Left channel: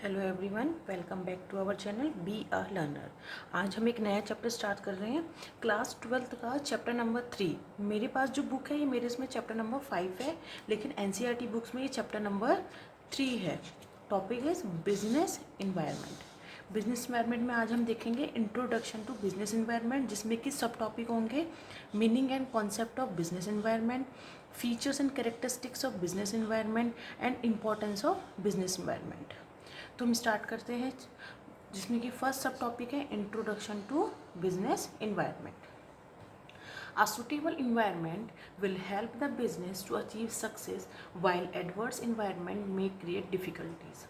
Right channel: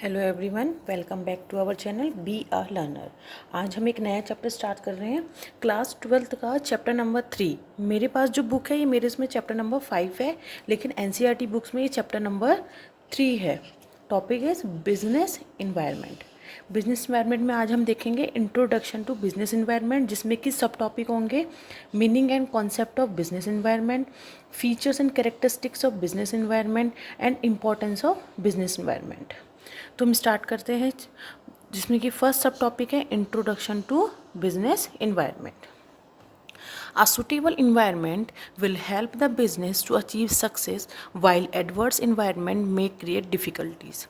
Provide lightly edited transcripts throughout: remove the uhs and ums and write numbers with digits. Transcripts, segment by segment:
Hello everyone, welcome back to our channel be a learner. आज हम एक नया चैप्टर स्टार्ट कर रहे हैं, क्लास 12th का चैप्टर नंबर 3। मेरे पास जो बुक है ये मेरे इसमें चैप्टर नंबर 5 है, लेकिन एनसीईआरटी बुक्स में ये चैप्टर नंबर 3 है। Topic is business environment. Business environment में आज हम देखेंगे इंट्रोडक्शन टू बिजनेस इन्वायरमेंट, जिसमें कि सब टॉपिक होंगे meaning and concept of business environment, features and characteristics of business environment and importance of business environment. तो हम स्टार्ट करते हैं, जिसमें कि फर्स्ट सब टॉपिक है introduction to business environment. A suitable environment will help the business to achieve success while adverse environment may create difficulties.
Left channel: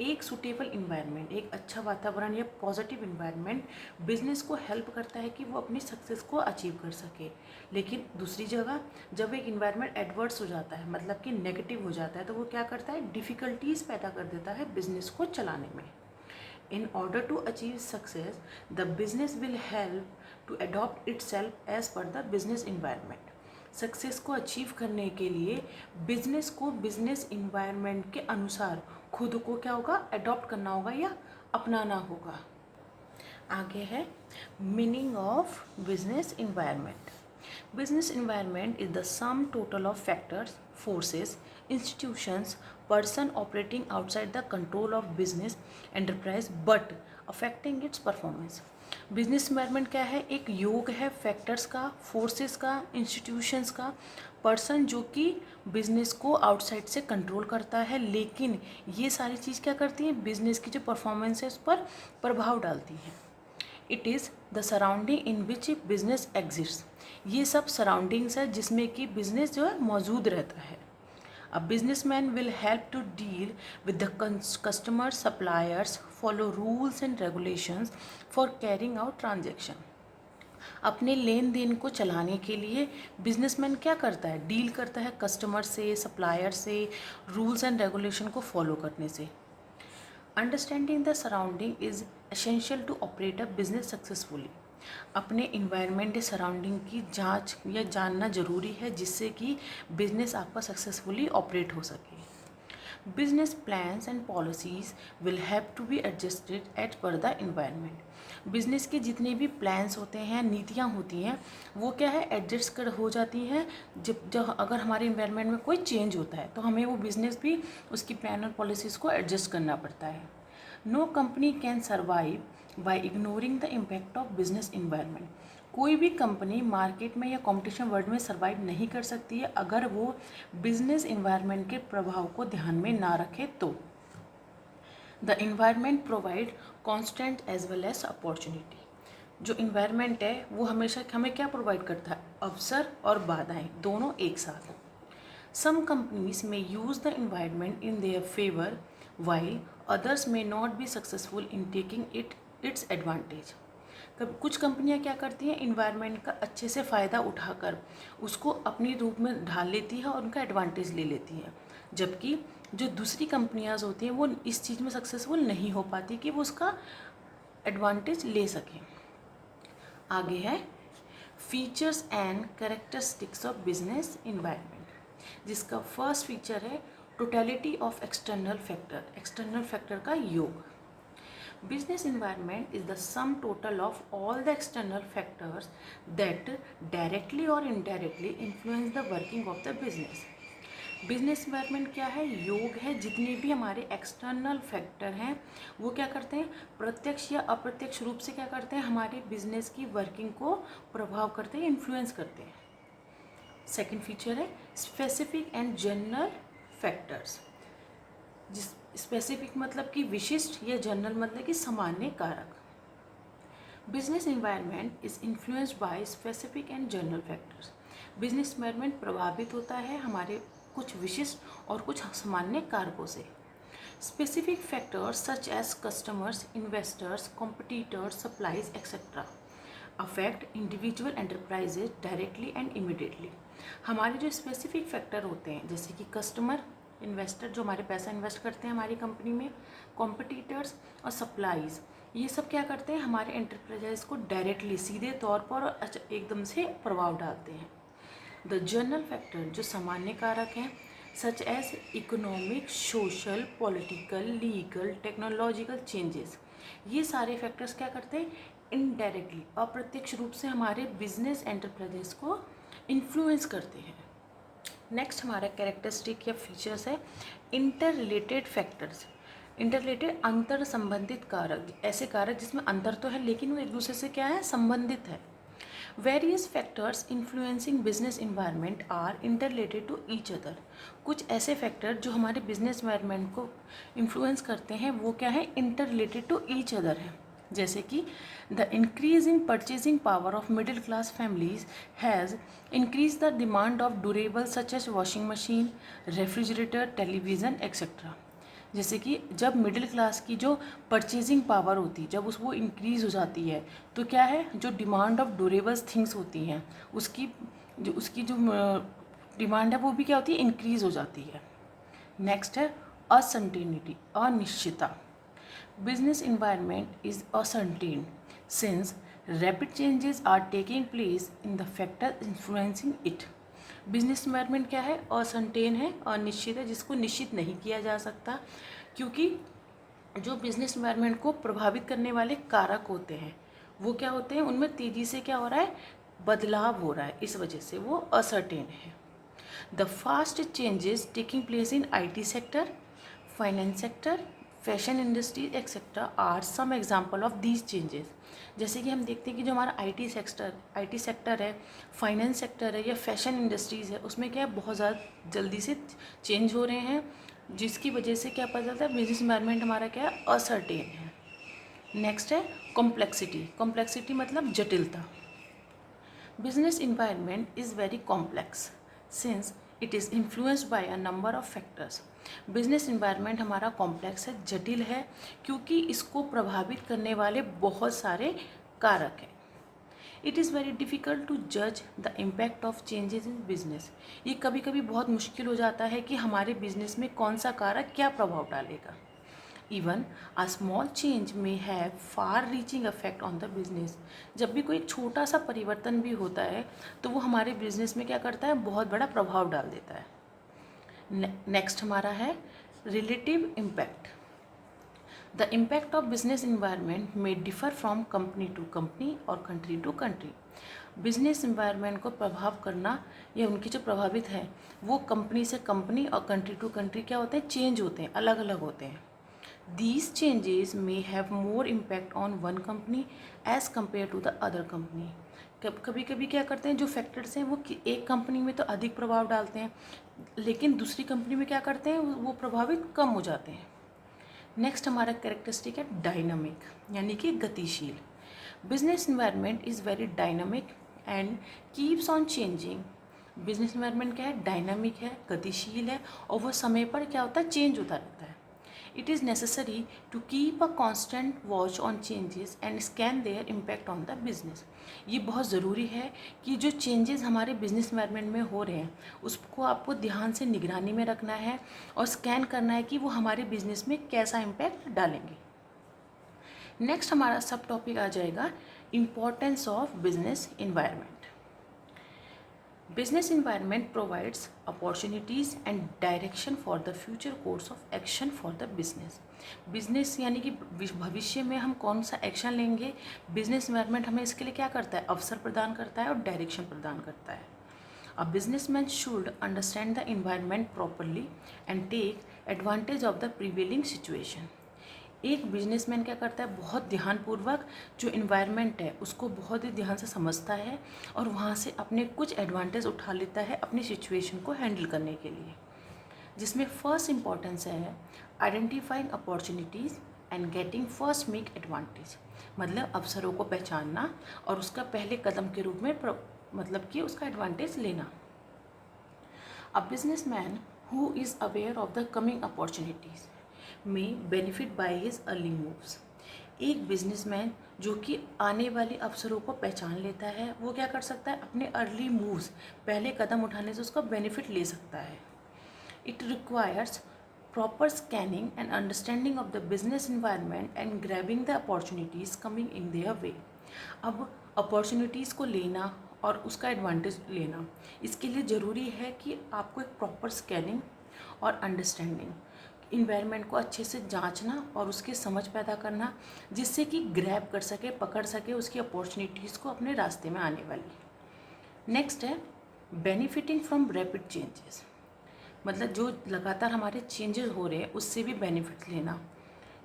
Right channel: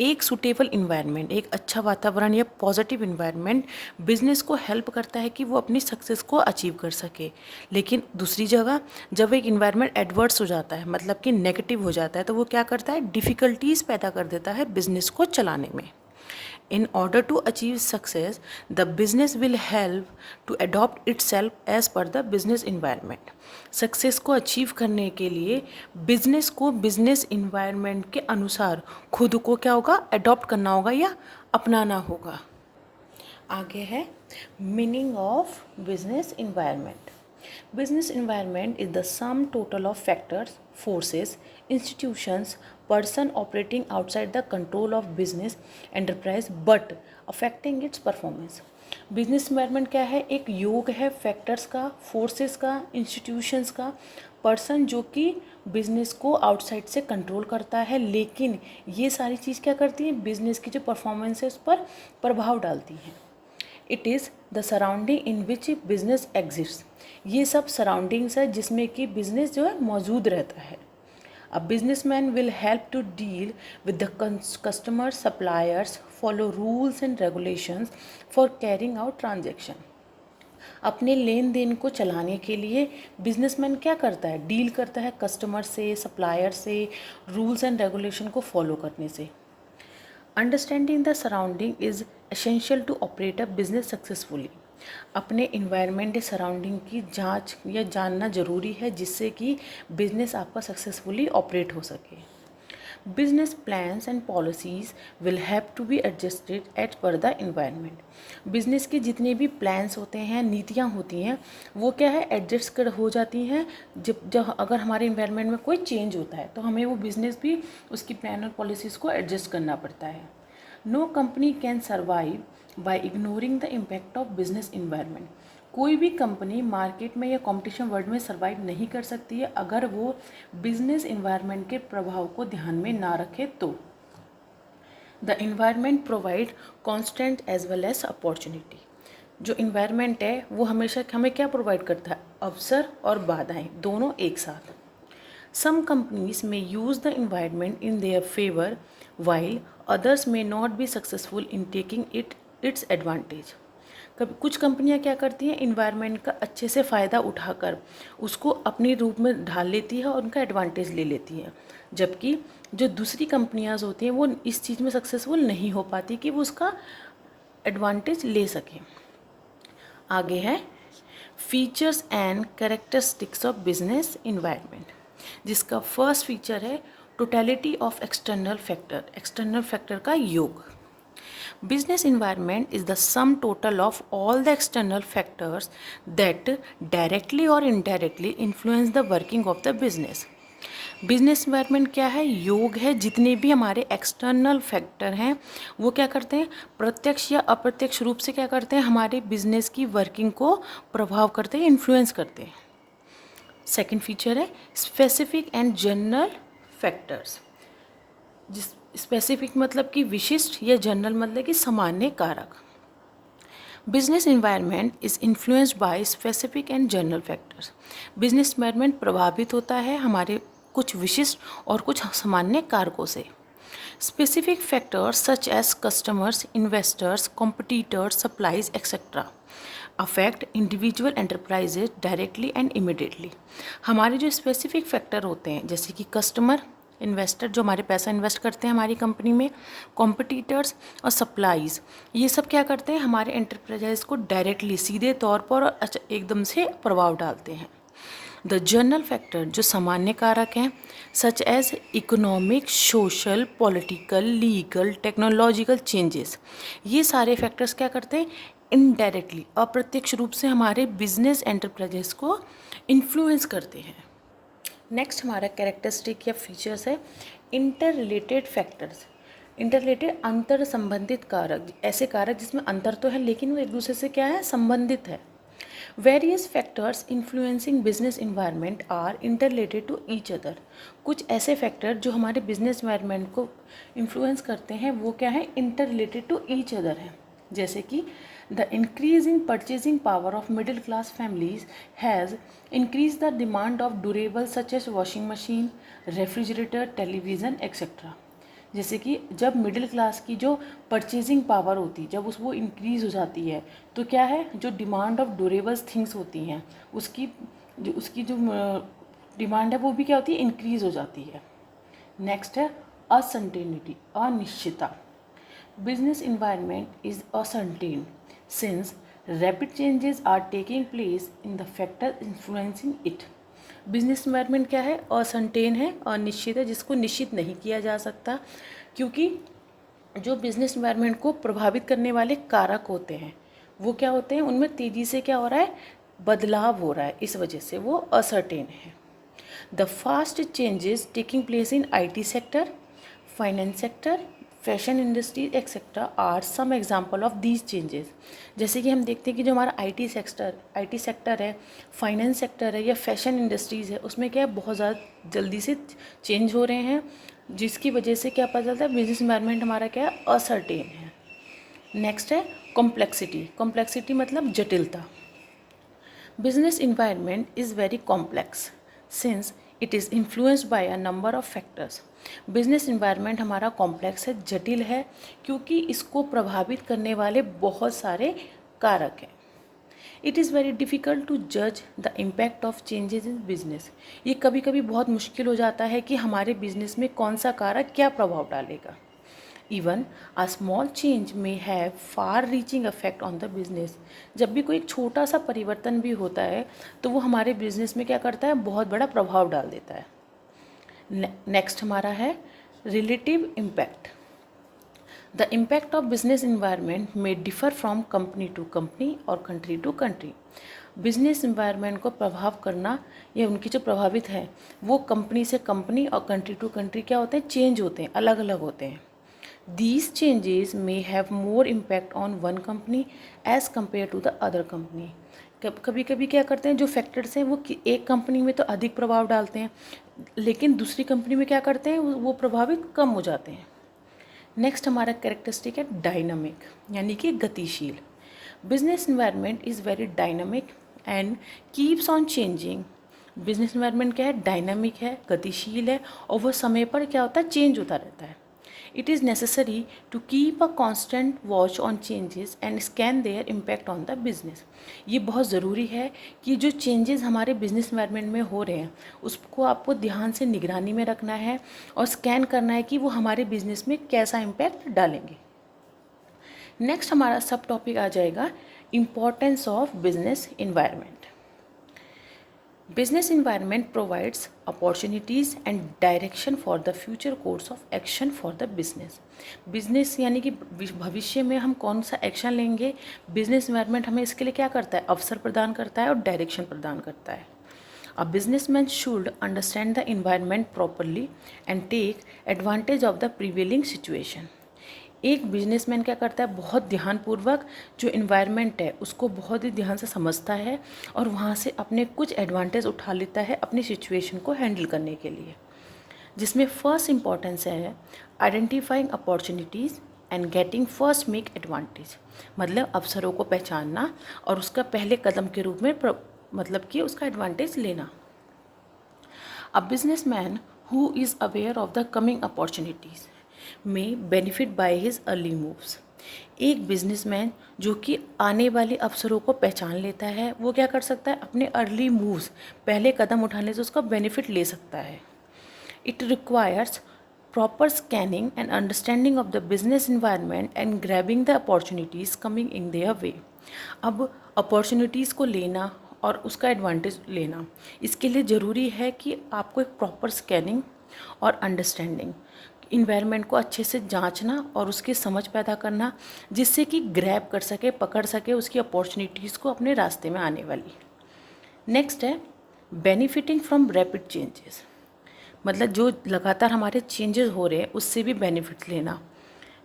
एक suitable environment, एक अच्छा वातावरण या पॉजिटिव इन्वायरमेंट बिजनेस को हेल्प करता है कि वो अपनी सक्सेस को अचीव कर सके। लेकिन दूसरी जगह जब एक इन्वायरमेंट एडवर्स हो जाता है, मतलब कि नेगेटिव हो जाता है, तो वो क्या करता है, डिफ़िकल्टीज़ पैदा कर देता है बिजनेस को चलाने में। In order to achieve success, the business will help to adopt itself as per the business environment. Success को अचीव करने के लिए बिजनेस को बिजनेस इन्वायरमेंट के अनुसार खुद को क्या होगा, अडॉप्ट करना होगा या अपनाना होगा। आगे है meaning of business environment. Business environment is the sum total of factors, forces, institutions, person operating outside the control of business enterprise but affecting its performance. Business environment क्या है, एक योग है फैक्टर्स का, फोर्सेस का, इंस्टीट्यूशंस का, person जो कि बिजनेस को आउटसाइड से कंट्रोल करता है, लेकिन ये सारी चीज़ क्या करती हैं, बिजनेस की जो परफॉर्मेंस है उस पर प्रभाव डालती हैं। It is the surrounding in which business exist. ये सब सराउंडिंग्स है जिसमें कि बिजनेस जो है मौजूद रहता है। A businessman will help to deal with the customer suppliers, follow rules and regulations for carrying out transaction. अपने लेन देन को चलाने के लिए बिजनेसमैन क्या करता है, डील करता है कस्टमर से, सप्लायर से, रूल्स एंड रेगुलेशन को फॉलो करने से। Understanding the surrounding is essential to operate a business successfully. अपने इन्वायरमेंट या सराउंडिंग की जांच या जानना ज़रूरी है, जिससे कि बिजनेस आपका सक्सेसफुली ऑपरेट हो सके। Business plans and policies will have to be adjusted as per the environment. Business के जितने भी प्लान्स होते हैं, नीतियाँ होती हैं, वो क्या है, एडजस्ट कर हो जाती हैं जब अगर हमारे इन्वायरमेंट में कोई चेंज होता है तो हमें वो बिज़नेस भी उसकी प्लान और पॉलिसीज़ को एडजस्ट करना पड़ता है। No company can survive by ignoring the impact of business environment. कोई भी कंपनी मार्केट में या कंपटीशन वर्ल्ड में सर्वाइव नहीं कर सकती है अगर वो बिजनेस इन्वायरमेंट के प्रभाव को ध्यान में ना रखे तो। The environment provide constant as well as opportunity. जो इन्वायरमेंट है वो हमेशा हमें क्या प्रोवाइड करता है, अवसर और बाधाएं दोनों एक साथ। Some companies may use the environment in their favour while others may not be successful in taking its advantage. कभी कुछ कंपनियां क्या करती हैं, इन्वायरमेंट का अच्छे से फ़ायदा उठाकर उसको अपने रूप में ढाल लेती है और उनका एडवांटेज ले लेती हैं, जबकि जो दूसरी कंपनियां होती हैं वो इस चीज़ में सक्सेसफुल नहीं हो पाती कि वो उसका एडवांटेज ले सकें। आगे है features and characteristics of business environment, जिसका फर्स्ट फीचर है totality of external factor. External factor का योग। Business environment is the sum total of all the external factors that directly or indirectly influence the working of the business. Business environment क्या है, योग है जितने भी हमारे एक्सटर्नल फैक्टर हैं वो क्या करते हैं, प्रत्यक्ष या अप्रत्यक्ष रूप से क्या करते हैं, हमारे बिजनेस की वर्किंग को प्रभाव करते हैं, इन्फ्लुएंस करते हैं। सेकंड फीचर है स्पेसिफिक एंड जनरल फैक्टर्स। जिस स्पेसिफिक मतलब कि विशिष्ट या जनरल मतलब कि सामान्य कारक। Business environment is influenced by specific and general factors. Business environment प्रभावित होता है हमारे कुछ विशिष्ट और कुछ सामान्य कारकों से। Specific factors such as customers, investors, competitors, supplies etcetera affect individual enterprises directly and immediately. हमारे जो स्पेसिफिक फैक्टर होते हैं, जैसे कि कस्टमर, इन्वेस्टर जो हमारे पैसा इन्वेस्ट करते हैं हमारी कंपनी में, कॉम्पिटिटर्स और सप्लाईज, ये सब क्या करते हैं, हमारे एंटरप्राइजेज को डायरेक्टली सीधे तौर पर और एकदम से प्रभाव डालते हैं। द जनरल फैक्टर जो सामान्य कारक हैं such as economic, social, political, legal, technological changes, ये सारे फैक्टर्स क्या करते हैं, इनडायरेक्टली अप्रत्यक्ष रूप से हमारे बिजनेस एंटरप्राइजेस को इन्फ्लुएंस करते हैं। नेक्स्ट हमारा कैरेक्टरिस्टिक या फीचर्स है inter related factors. Inter related अंतर संबंधित कारक, ऐसे कारक जिसमें अंतर तो है लेकिन वो एक दूसरे से क्या है, संबंधित है। Various factors influencing business environment are inter related to each other. कुछ ऐसे फैक्टर जो हमारे बिजनेस इन्वायरमेंट को इन्फ्लुएंस करते हैं वो क्या है, inter related to each other है। जैसे कि the increase in purchasing power of middle class families has increase the demand of durable such as washing machine, refrigerator, television etcetera. जैसे कि जब मिडिल क्लास की जो परचेजिंग पावर होती है जब वो इंक्रीज़ हो जाती है तो क्या है, जो डिमांड ऑफ ड्यूरेबल्स थिंग्स होती हैं उसकी जो डिमांड है वो भी क्या होती है, इंक्रीज़ हो जाती है। नेक्स्ट है असर्टेनिटी, अनिश्चितता। Business environment is uncertain since rapid changes are taking place in the factor influencing it. Business environment क्या है, असर्टेन है, अनिश्चित है, जिसको निश्चित नहीं किया जा सकता, क्योंकि जो बिजनेस इन्वायरमेंट को प्रभावित करने वाले कारक होते हैं वो क्या होते हैं, उनमें तेज़ी से क्या हो रहा है, बदलाव हो रहा है, इस वजह से वो असर्टेन है। The fast changes taking place in IT sector, finance sector, fashion industry etcetera are some example of these changes. जैसे कि हम देखते हैं कि जो हमारा IT सेक्टर है, फाइनेंस सेक्टर है या फैशन इंडस्ट्रीज़ है, उसमें क्या है, बहुत ज़्यादा जल्दी से चेंज हो रहे हैं, जिसकी वजह से क्या पता चलता है, बिजनेस इन्वायरमेंट हमारा क्या है, असर्टेन है। नेक्स्ट है कॉम्प्लेक्सिटी। कॉम्प्लेक्सिटी मतलब जटिलता। Business environment is very complex since it is influenced by a number of factors. Business environment हमारा कॉम्प्लेक्स है, जटिल है, क्योंकि इसको प्रभावित करने वाले बहुत सारे कारक हैं। It is very difficult to जज the impact of changes in business. ये कभी कभी बहुत मुश्किल हो जाता है कि हमारे बिजनेस में कौन सा कारक क्या प्रभाव डालेगा। इवन अ स्मॉल चेंज में have far reaching effect on the business. जब भी कोई एक छोटा सा परिवर्तन भी होता है तो वो हमारे बिजनेस में क्या करता है, बहुत बड़ा प्रभाव डाल देता है। नेक्स्ट हमारा है relative impact. The impact of business environment may differ from company to company और country to country. Business environment को प्रभाव करना या उनकी जो प्रभावित है वो कंपनी से कंपनी और कंट्री टू कंट्री क्या होते हैं, चेंज होते हैं, अलग अलग होते हैं। These changes may have more impact on one company as compared to the other company. कभी कभी क्या करते हैं, जो फैक्टर्स हैं वो एक कंपनी में तो अधिक प्रभाव डालते हैं लेकिन दूसरी कंपनी में क्या करते हैं, वो प्रभावित कम हो जाते हैं। नेक्स्ट हमारा कैरेक्टरिस्टिक है डायनामिक, यानी कि गतिशील। Business environment is very dynamic and keeps on changing. Business environment क्या है, डायनामिक है, गतिशील है और वो समय पर क्या होता है, चेंज होता रहता है। It is necessary to keep a constant watch on changes and scan their impact on the business. ये बहुत ज़रूरी है कि जो चेंजेस हमारे बिजनेस इन्वायरमेंट में हो रहे हैं उसको आपको ध्यान से निगरानी में रखना है और स्कैन करना है कि वो हमारे बिजनेस में कैसा इम्पैक्ट डालेंगे। नेक्स्ट हमारा सब टॉपिक आ जाएगा importance of business environment. Business environment provides opportunities and direction for the future course of action for the business. Business यानी कि भविष्य में हम कौन सा एक्शन लेंगे, बिजनेस इन्वायरमेंट हमें इसके लिए क्या करता है, अवसर प्रदान करता है और डायरेक्शन प्रदान करता है। A businessman should understand the environment properly and take advantage of the prevailing situation. एक बिजनेसमैन क्या करता है, बहुत ध्यानपूर्वक जो इन्वायरमेंट है उसको बहुत ही ध्यान से समझता है और वहाँ से अपने कुछ एडवांटेज उठा लेता है अपनी सिचुएशन को हैंडल करने के लिए, जिसमें फर्स्ट इम्पॉर्टेंस है identifying opportunities and getting first make advantage. मतलब अवसरों को पहचानना और उसका पहले कदम के रूप में मतलब कि उसका एडवांटेज लेना। A businessman who is aware of the coming opportunities में benefit by his early moves. एक बिजनेसमैन जो कि आने वाले अवसरों को पहचान लेता है वो क्या कर सकता है, अपने अर्ली मूव्स, पहले कदम उठाने से उसका बेनिफिट ले सकता है। It requires proper scanning and understanding of the business environment and grabbing the opportunities coming in their way. अब अपॉर्चुनिटीज़ को लेना और उसका एडवांटेज लेना। इसके लिए ज़रूरी है कि आपको एक प्रॉपर स्कैनिंग और अंडरस्टैंडिंग, इन्वायरमेंट को अच्छे से जांचना और उसकी समझ पैदा करना, जिससे कि ग्रैब कर सके, पकड़ सके उसकी अपॉर्चुनिटीज़ को अपने रास्ते में आने वाली। नेक्स्ट है बेनिफिटिंग फ्रॉम रैपिड चेंजेस, मतलब जो लगातार हमारे चेंजेस हो रहे हैं उससे भी बेनिफिट लेना।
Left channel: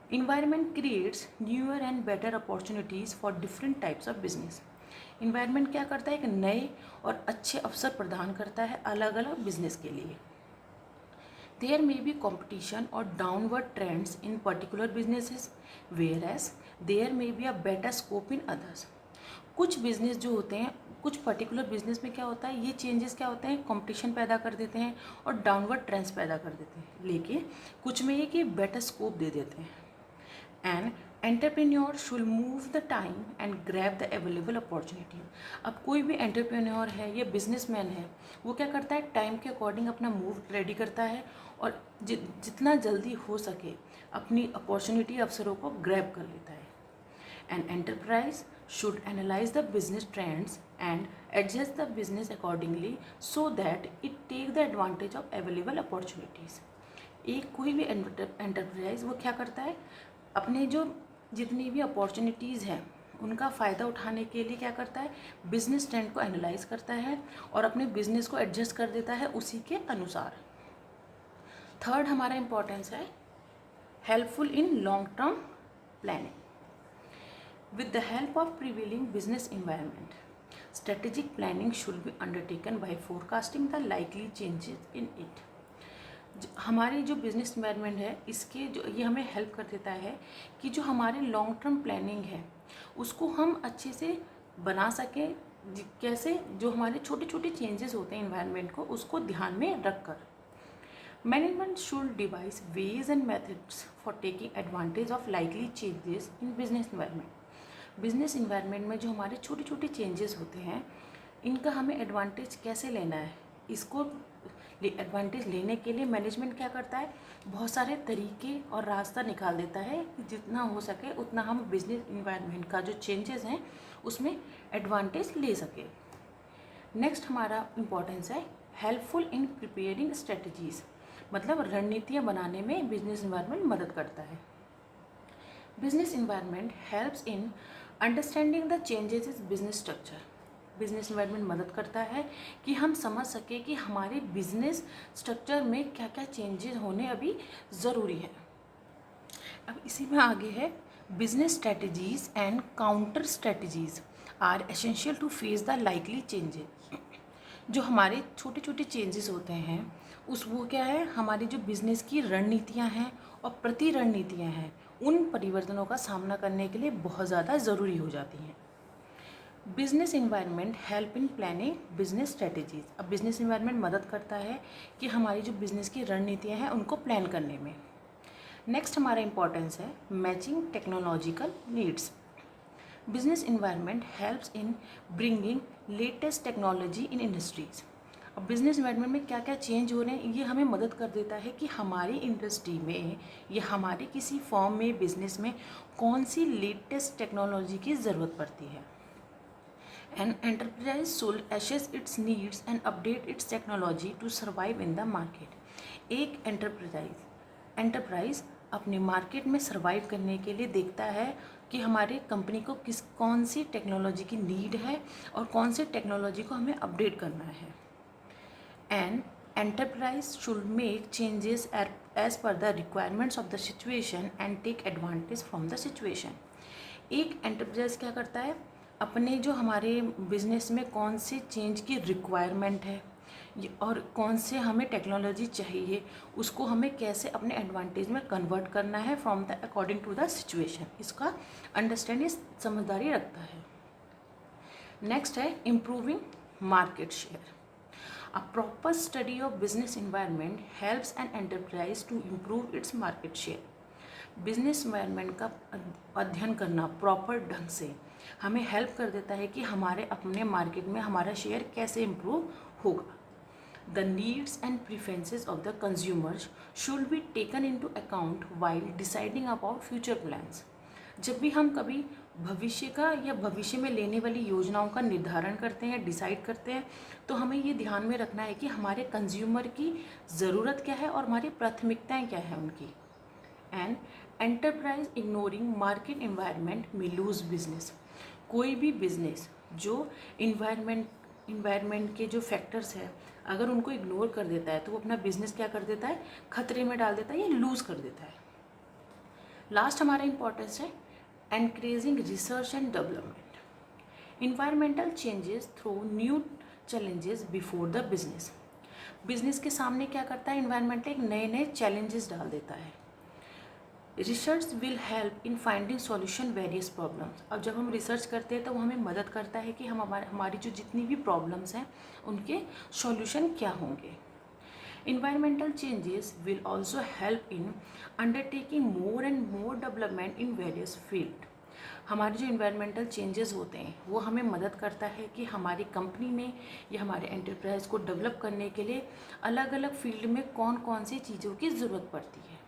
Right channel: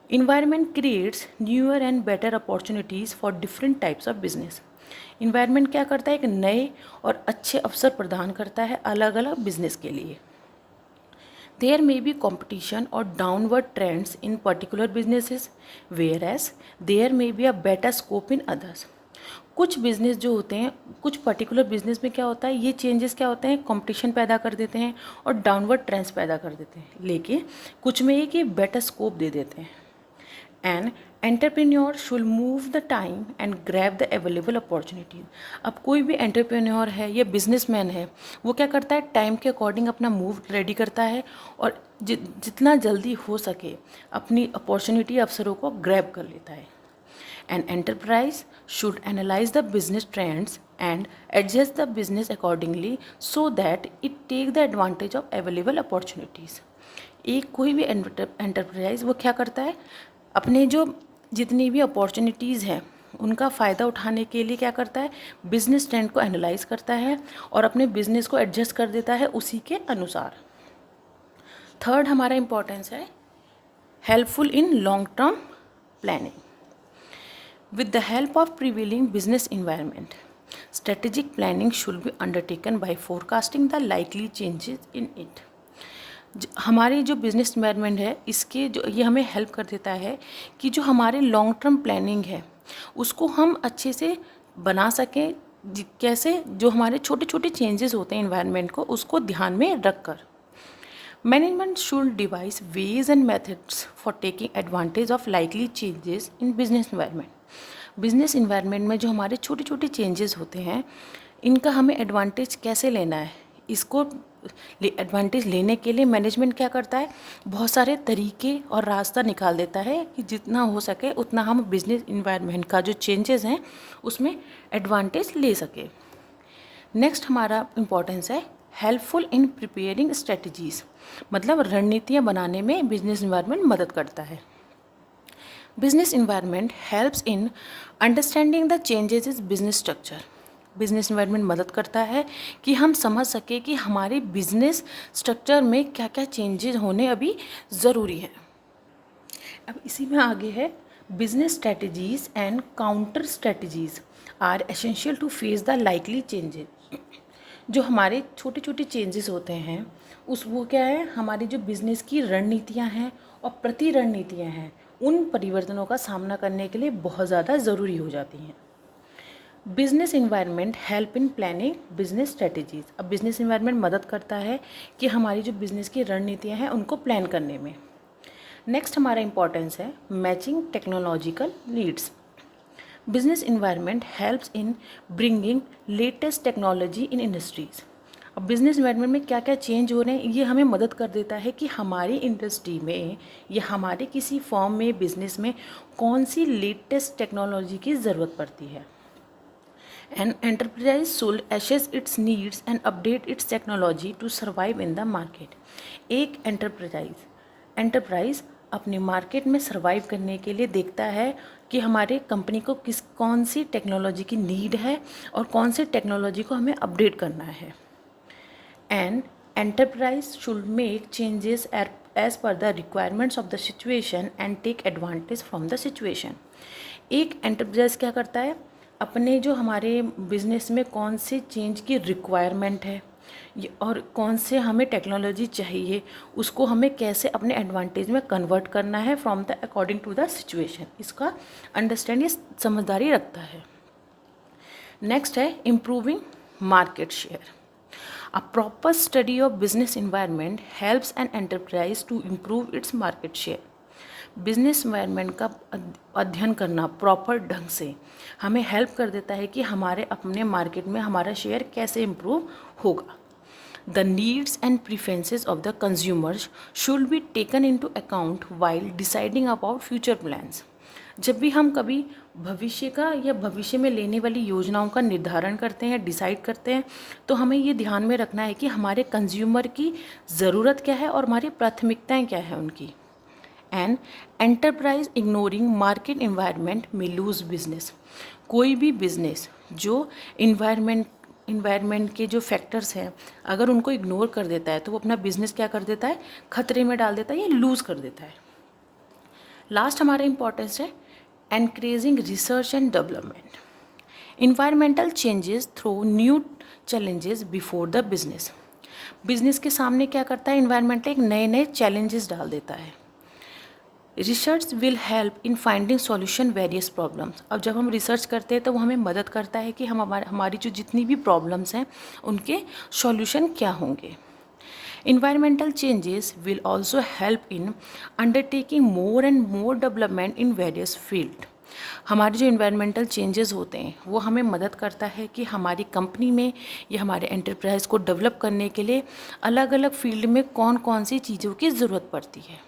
Environment creates newer and better opportunities for different types of business. Environment क्या करता है, एक नए और अच्छे अवसर प्रदान करता है अलग अलग बिजनेस के लिए। देयर मे बी कॉम्पिटिशन और downward trends in particular businesses, whereas there may be a better scope in others. कुछ बिजनेस जो होते हैं, कुछ पर्टिकुलर बिजनेस में क्या होता है, ये चेंजेस क्या होते हैं, कंपटीशन पैदा कर देते हैं और डाउनवर्ड ट्रेंड्स पैदा कर देते हैं, लेकिन कुछ में ये कि बेटर स्कोप दे देते हैं। An entrepreneur should move the time and grab the available opportunity. अब कोई भी एंटरप्रेन्योर है या बिजनेसमैन है, वो क्या करता है, टाइम के अकॉर्डिंग अपना मूव रेडी करता है और जितना जल्दी हो सके अपनी अपॉर्चुनिटी, अवसरों को ग्रैब कर लेता है। An enterprise should analyze the business trends and adjust the business accordingly so that it take the advantage of available opportunities. एक कोई भी एंटरप्राइज वो क्या करता है, अपने जो जितनी भी अपॉर्चुनिटीज़ हैं उनका फ़ायदा उठाने के लिए क्या करता है, बिजनेस ट्रेंड को एनालाइज करता है और अपने बिजनेस को एडजस्ट कर देता है उसी के अनुसार। थर्ड हमारा इम्पोर्टेंस है helpful in long term planning. With the help of prevailing business environment, strategic planning should be undertaken by forecasting the likely changes in it. हमारी जो बिजनेस इन्वायरमेंट है, इसके जो ये हमें हेल्प कर देता है कि जो हमारे लॉन्ग टर्म प्लानिंग है उसको हम अच्छे से बना सकें। कैसे, जो हमारे छोटे छोटे चेंजेस होते हैं इन्वायरमेंट को, उसको ध्यान में रख कर। Management should devise ways and methods for taking advantage of likely changes in business environment. Business environment में जो हमारे छोटे छोटे चेंजेस होते हैं, इनका हमें एडवांटेज कैसे लेना है, इसको एडवांटेज लेने के लिए मैनेजमेंट क्या करता है, बहुत सारे तरीके और रास्ता निकाल देता है कि जितना हो सके उतना हम बिजनेस इन्वायरमेंट का जो चेंजेस हैं उसमें एडवांटेज ले सके। नेक्स्ट हमारा इम्पोर्टेंस है हेल्पफुल इन प्रिपेयरिंग स्ट्रेटजीज़, मतलब रणनीतियाँ बनाने में बिजनेस इन्वायरमेंट मदद करता है। Business environment helps in understanding the changes is business structure. Business environment मदद करता है कि हम समझ सके कि हमारे बिजनेस स्ट्रक्चर में क्या क्या चेंजेस होने अभी ज़रूरी है। अब इसी में आगे है business strategies and counter strategies are essential to face the likely changes. जो हमारे छोटे छोटे चेंजेस होते हैं उस वो क्या है, हमारी जो बिज़नेस की रणनीतियाँ हैं और प्रति रणनीतियाँ हैं, उन परिवर्तनों का सामना करने के लिए बहुत ज़्यादा ज़रूरी हो जाती हैं। Business environment help in planning business strategies. अब बिजनेस इन्वायरमेंट मदद करता है कि हमारी जो बिज़नेस की रणनीतियाँ हैं उनको प्लान करने में। नेक्स्ट हमारा इम्पोर्टेंस है matching technological needs. Business environment helps in bringing latest technology in industries. अब बिज़नेस इन्वायरमेंट में क्या क्या चेंज हो रहे हैं, ये हमें मदद कर देता है कि हमारी इंडस्ट्री में या हमारे किसी फॉर्म में, बिजनेस में कौन सी लेटेस्ट टेक्नोलॉजी की ज़रूरत पड़ती है। An enterprise should assess its needs and update its technology to survive in the market. एक एंटरप्राइज अपने मार्केट में सर्वाइव करने के लिए देखता है कि हमारे कंपनी को कौन सी टेक्नोलॉजी की नीड है और कौन सी टेक्नोलॉजी को हमें अपडेट करना है। An enterprise should make changes as per the requirements of the situation and take advantage from the situation. एक एंटरप्राइज क्या करता है, अपने जो हमारे बिजनेस में कौन से चेंज की रिक्वायरमेंट है और कौन से हमें टेक्नोलॉजी चाहिए, उसको हमें कैसे अपने एडवांटेज में कन्वर्ट करना है from the according to the situation, इसका अंडरस्टैंडिंग, समझदारी रखता है। नेक्स्ट है improving market share. A proper study of business environment helps an enterprise to improve its market share. Business environment का अध्ययन करना प्रॉपर ढंग से हमें हेल्प कर देता है कि हमारे अपने मार्केट में हमारा शेयर कैसे इम्प्रूव होगा। The needs and preferences of the consumers should be taken into account while deciding about future plans. जब भी हम कभी भविष्य का या भविष्य में लेने वाली योजनाओं का निर्धारण करते हैं, डिसाइड करते हैं, तो हमें ये ध्यान में रखना है कि हमारे कंज्यूमर की ज़रूरत क्या है और हमारी प्राथमिकताएं क्या है उनकी। And enterprise ignoring market environment में लूज बिजनेस। कोई भी बिजनेस जो इन्वायरमेंट के जो फैक्टर्स हैं, अगर उनको इग्नोर कर देता है तो वो अपना बिजनेस क्या कर देता है, खतरे में डाल देता है या लूज़ कर देता है। लास्ट हमारा इंपॉर्टेंस है encouraging research and development. Environmental changes through new challenges before the business. Business के सामने क्या करता है, इन्वायरमेंटल एक नए नए चैलेंजेस डाल देता है। Research will help in finding solution various problems. अब जब हम रिसर्च करते हैं तो वो हमें मदद करता है कि हम हमारी जो जितनी भी प्रॉब्लम्स हैं उनके सॉल्यूशन क्या होंगे। Environmental changes will also help in undertaking more and more development in various field। हमारे जो इन्वायरमेंटल चेंजेस होते हैं वो हमें मदद करता है कि हमारी कंपनी में या हमारे एंटरप्राइज को डेवलप करने के लिए अलग अलग फील्ड में कौन कौन सी चीज़ों की ज़रूरत पड़ती है।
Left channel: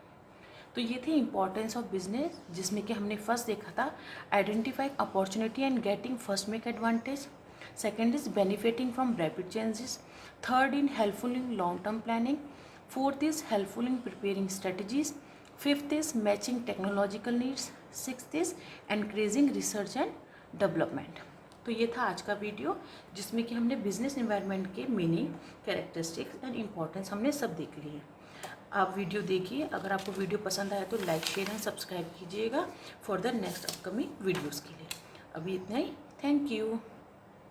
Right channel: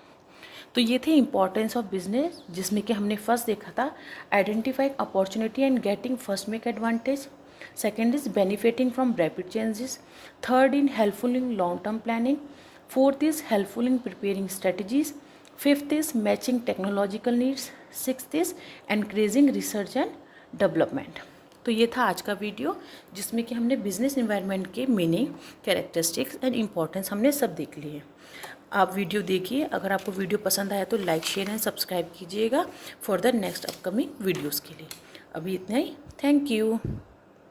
तो ये थे इंपॉर्टेंस ऑफ बिजनेस, जिसमें कि हमने फर्स्ट देखा था identifying opportunity and getting first make advantage. Second is benefiting from rapid changes. Third in helpful in long term planning. Fourth is helpful in preparing strategies. Fifth is matching technological needs. Sixth is encouraging research and development. तो ये था आज का video, जिसमें कि हमने business environment के meaning, characteristics and importance हमने सब देख लिए। आप वीडियो देखिए, अगर आपको वीडियो पसंद आया तो लाइक, शेयर एंड सब्सक्राइब कीजिएगा for the next upcoming videos के लिए। अभी इतना ही, थैंक यू।